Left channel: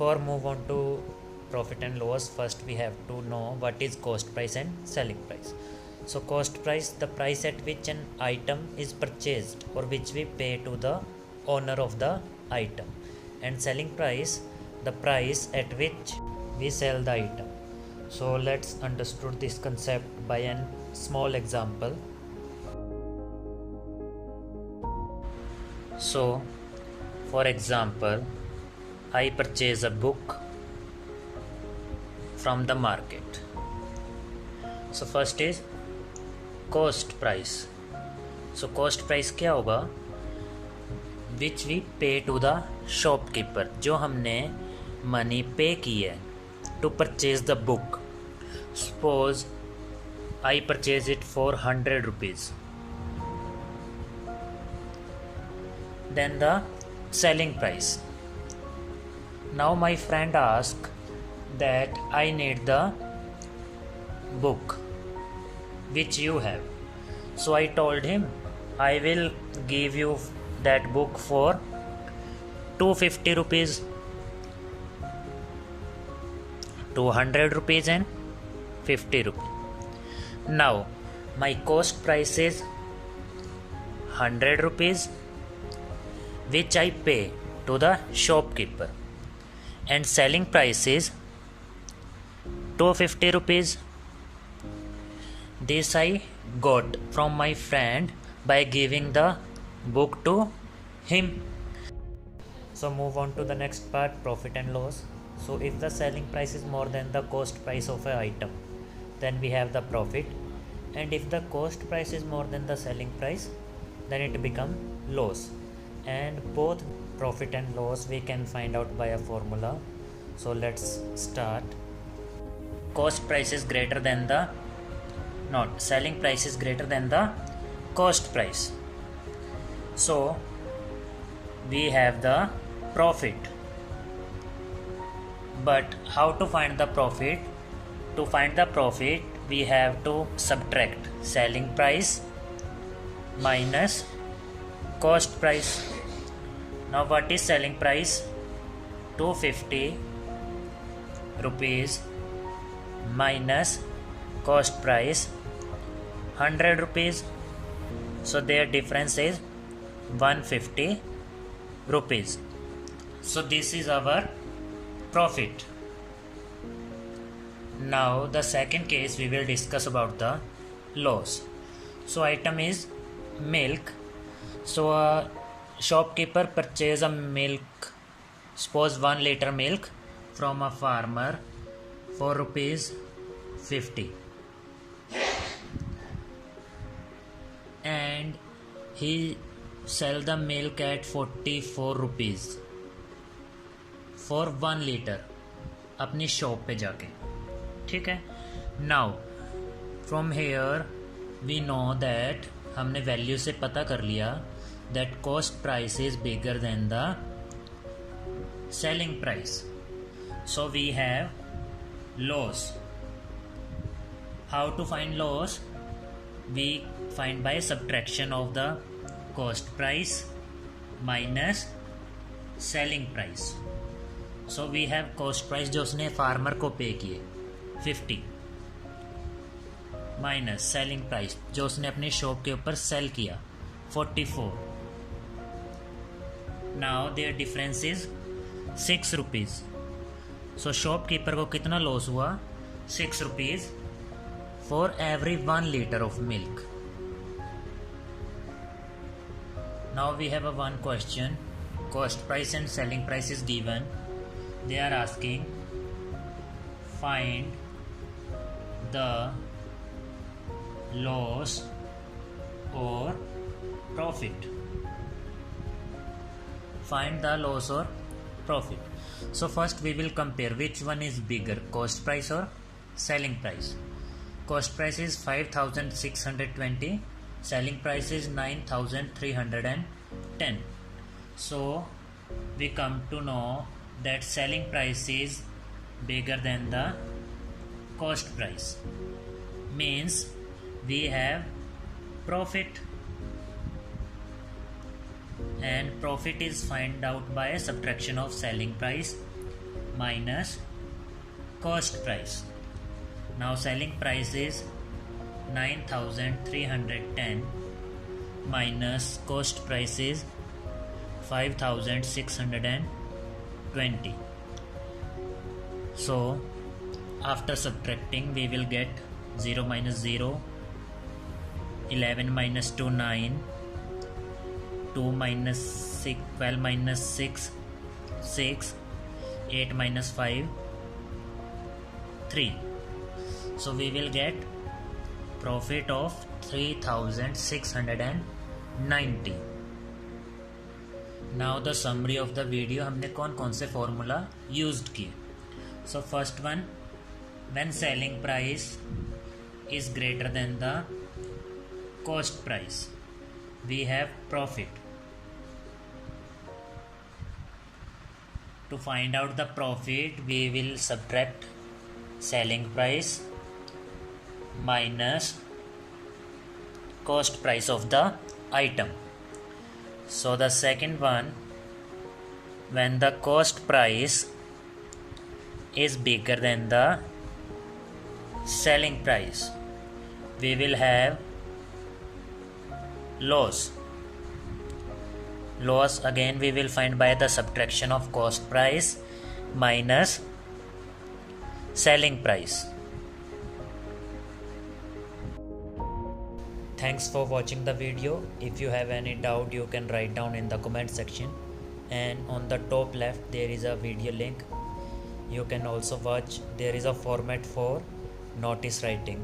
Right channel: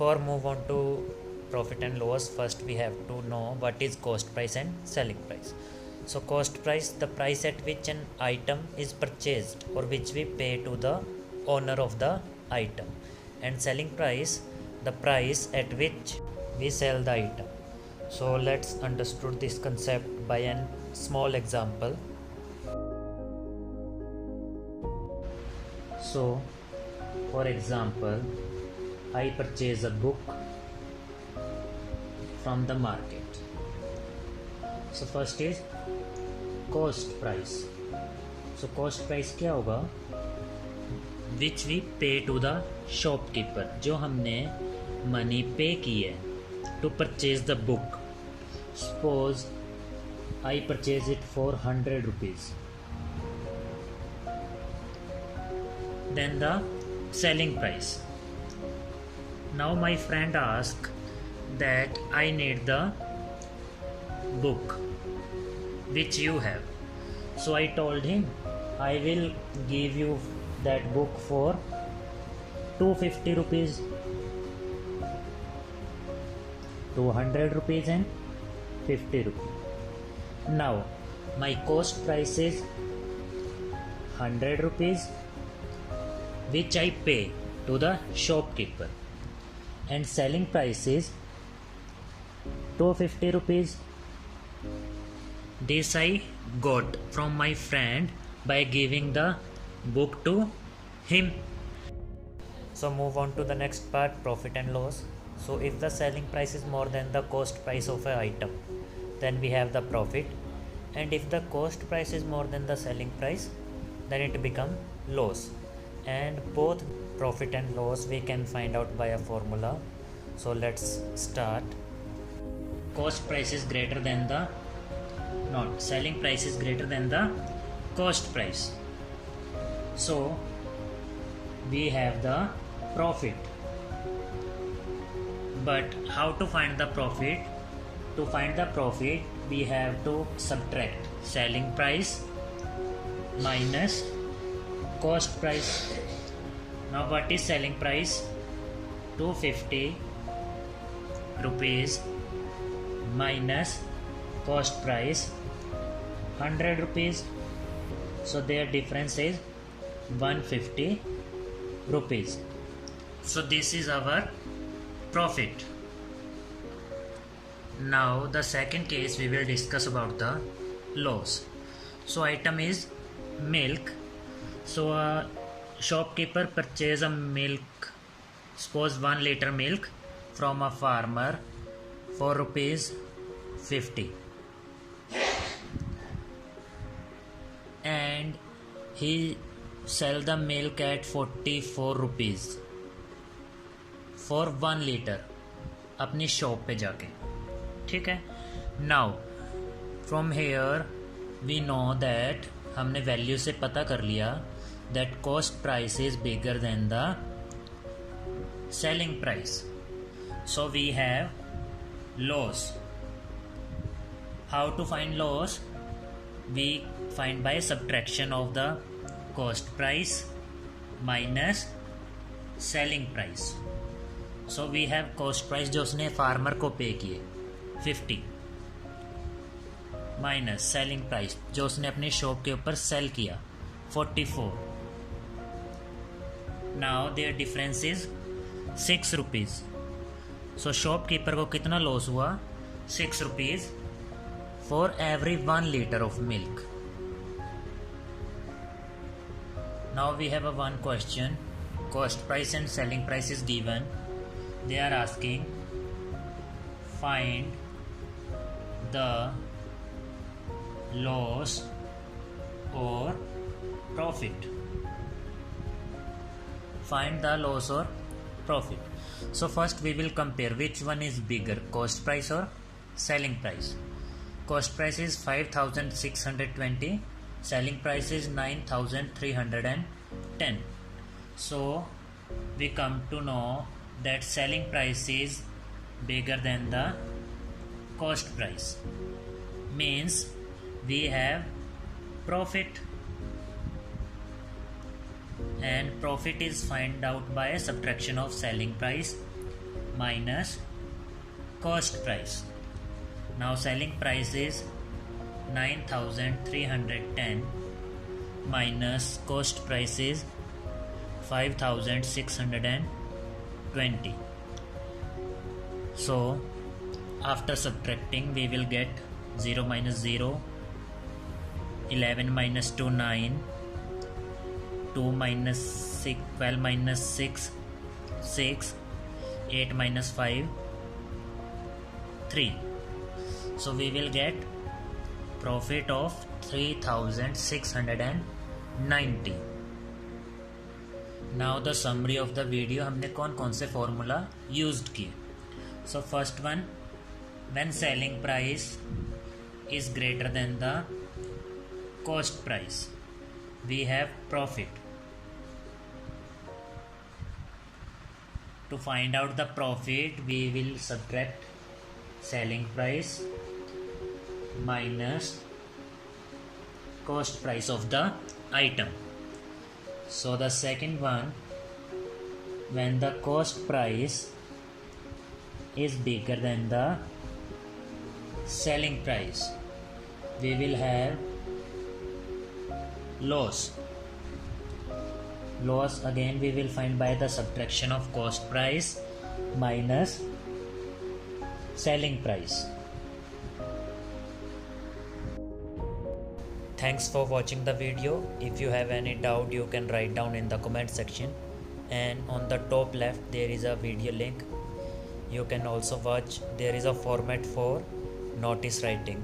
before move on to profit and loss, first we have to know what is cost price and selling price. So cost price, the price at which an item is purchased or which we pay to the owner of the item, and selling price, the price at which we sell the item. So let's understand this concept by a small example. So for example, I purchase a book from the market. So first is cost price. So cost price क्या होगा? Which we pay to the shopkeeper, जो हमने money pay की है to purchase the book. Suppose I purchase it for 100 rupees. Then the selling price. Now my friend asked that I need the book which you have. So I told him I will give you that book for 250 rupees, 200 rupees and 50 rupees. Now my cost price is 100 rupees which I pay to the shopkeeper, and selling price is 250 rupees. This I got from my friend by giving the book to him. So move on to the next part, profit and loss. So if the selling price is more than the cost price of an item, then we have the profit, and if the cost price is more than the selling price, then it become loss. And both profit and loss we can find out by a formula. So let's start. Cost price is greater than the, not selling price is greater than the cost price. So we have the profit. But how to find the profit? To find the profit, we have to subtract selling price minus cost price. Now what is selling price? 250 rupees minus cost price 100 rupees. So their difference is 150 rupees. So this is our profit. Now the second case we will discuss about the loss. So item is milk. So a shopkeeper purchase a milk, suppose 1 liter milk from a farmer for rupees 50, and he sell the milk at 44 rupees for 1 liter अपनी shop पे जाके. ठीक है. Now from here we know that, हमने value से पता कर लिया that cost price is bigger than the selling price. So we have loss. How to find loss? We find by subtraction of the cost price minus selling price. So we have cost price जो उसने farmer को पे किए 50 minus selling price जो उसने अपनी shop के ऊपर सेल किया 44. Now their difference is 6 rupees. So shopkeeper को कितना लॉस हुआ? 6 rupees for every 1 liter of milk. Now we have a one question. Cost price and selling price is given. They are asking find the loss or profit. Find the loss or profit. So first we will compare which one is bigger, cost price or selling price. Cost price is 5,620, selling price is 9,310. So we come to know that selling price is bigger than the cost price, means we have profit, and profit is find out by a subtraction of selling price minus cost price. Now selling price is 9310 minus cost price is 5620. So after subtracting we will get 0 minus 0, 11 minus 2 9, 2 minus 6 12 minus 6 6, 8 minus 5 3. So we will get profit of 3690. Now the summary of the video, हमने कौन कौन से formula used किए. So first one, when selling price is greater than the cost price, we have profit. To find out the profit, we will subtract selling price minus cost price of the item. So the second one, when the cost price is bigger than the selling price, we will have loss. Loss again we will find by the subtraction of cost price minus selling price. Thanks for watching the video. If you have any doubt, you can write down in the comment section, and on the top left there is a video link. You can also watch. There is a format for notice writing.